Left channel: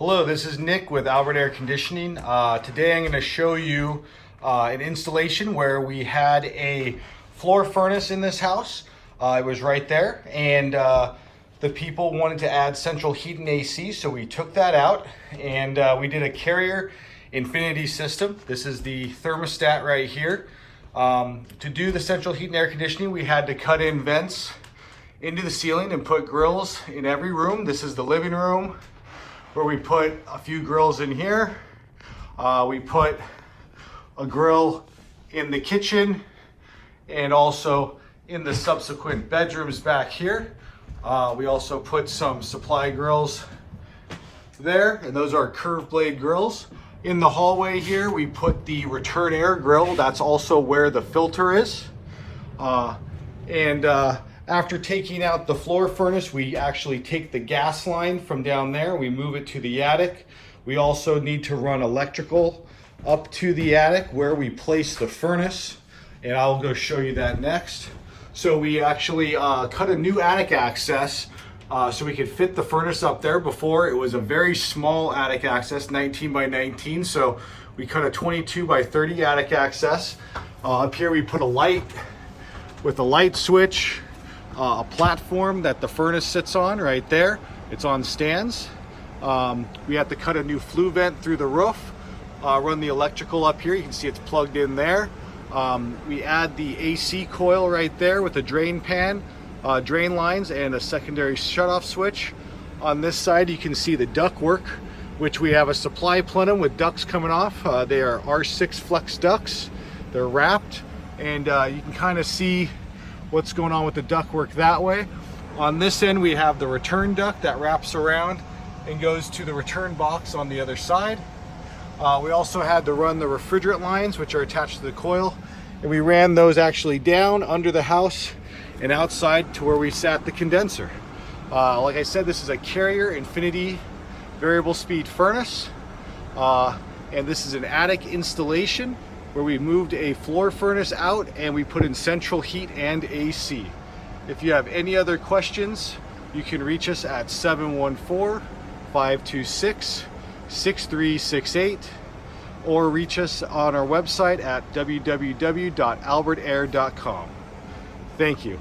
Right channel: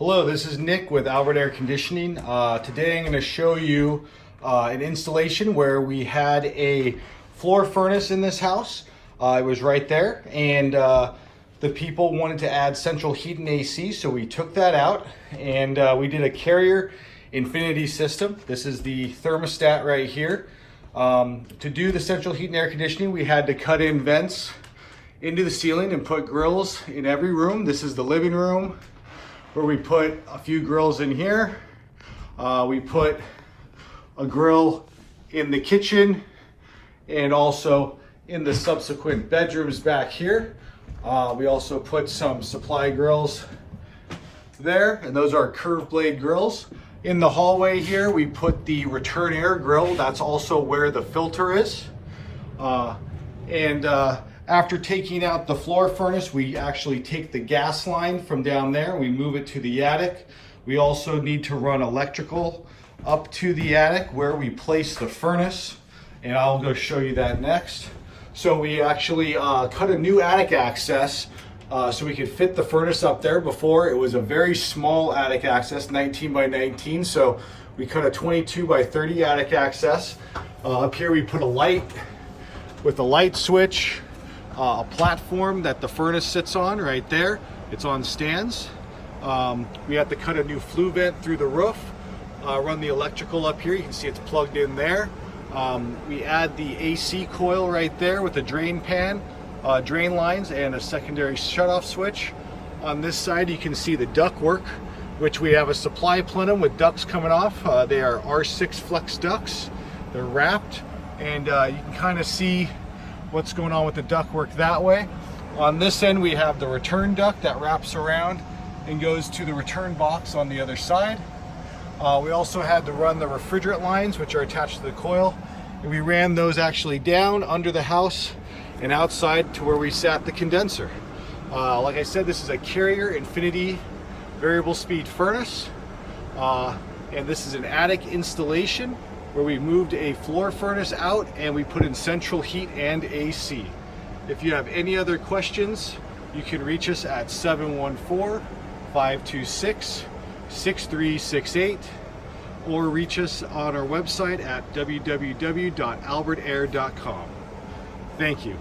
Hello, this is Nick with Albert Air Conditioning. Today I'm going to show you an installation where we had a floor furnace in this house. It was right there, and the people wanted to add central heat and AC, so we took that out and we did a Carrier Infinity system. This is the thermostat right here. To do the central heat and air conditioning, we had to cut in vents into the ceiling and put grills in every room. This is the living room, where we put a few grills in here. We put a grill in the kitchen and also in the subsequent bedrooms back here. We also put some supply grills there, and those are curved blade grills. In the hallway here, we put the return air grill. That's also where the filter is. After taking out the floor furnace, we actually take the gas line from down there, we move it to the attic. We also need to run electrical up to the attic where we place the furnace, and I'll go show you that next. So we actually cut a new attic access so we could fit the furnace up there. Before, it was a very small attic access, 19 by 19, so we cut a 22 by 30 attic access. Up here we put a light with a light switch, a platform that the furnace sits on right there. It's on stands. We have to cut a new flue vent through the roof, run the electrical up here. You can see it's plugged in there. We add the AC coil right there with a drain pan, drain lines, and a secondary shutoff switch. On this side, you can see the duct work, which we have a supply plenum with ducts coming off. They are R6 flex ducts. They're wrapped, and you can kind of see what's going on with the ductwork that way. On this end, we have the return duct that wraps around and goes to the return box on the other side. We also had to run the refrigerant lines, which are attached to the coil, and we ran those actually down under the house and outside to where we sat the condenser. Like I said, this is a Carrier Infinity variable speed furnace, and this is an attic installation where we moved a floor furnace out and we put in central heat and AC. If you have any other questions, you can reach us at 714-526-6368 or reach us on our website at www.albertair.com. Thank you.